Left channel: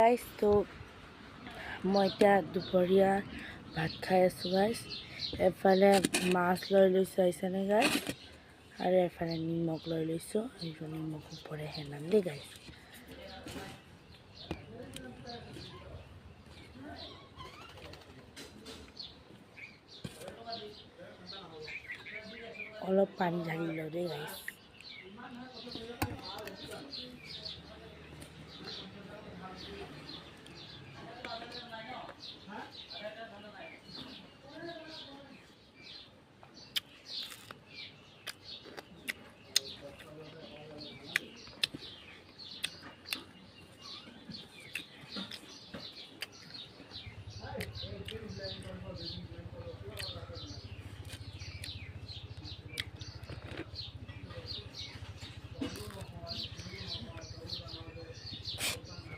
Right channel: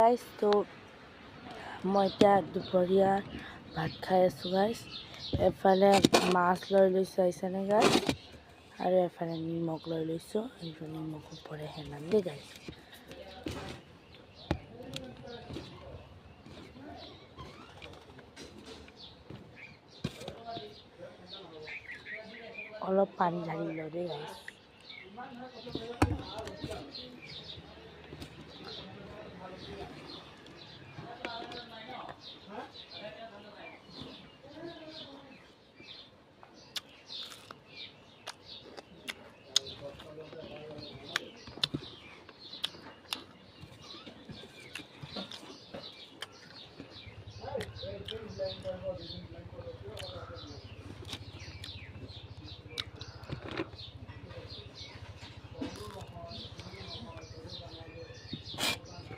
Guys তো মই এতিয়া দুপৰীয়া ভাত খাই আছোঁ গাইজ। এফালে মাছ লৈ লৈছোঁ আহিছেনে গাইজ, আৰু এফালে নিমখ লৈ লৈছোঁ। এইটো নিমখ ওপৰে হেনাম দেই গাইজ। অলপ পানী ঢালি লওঁ দেই গাইজ।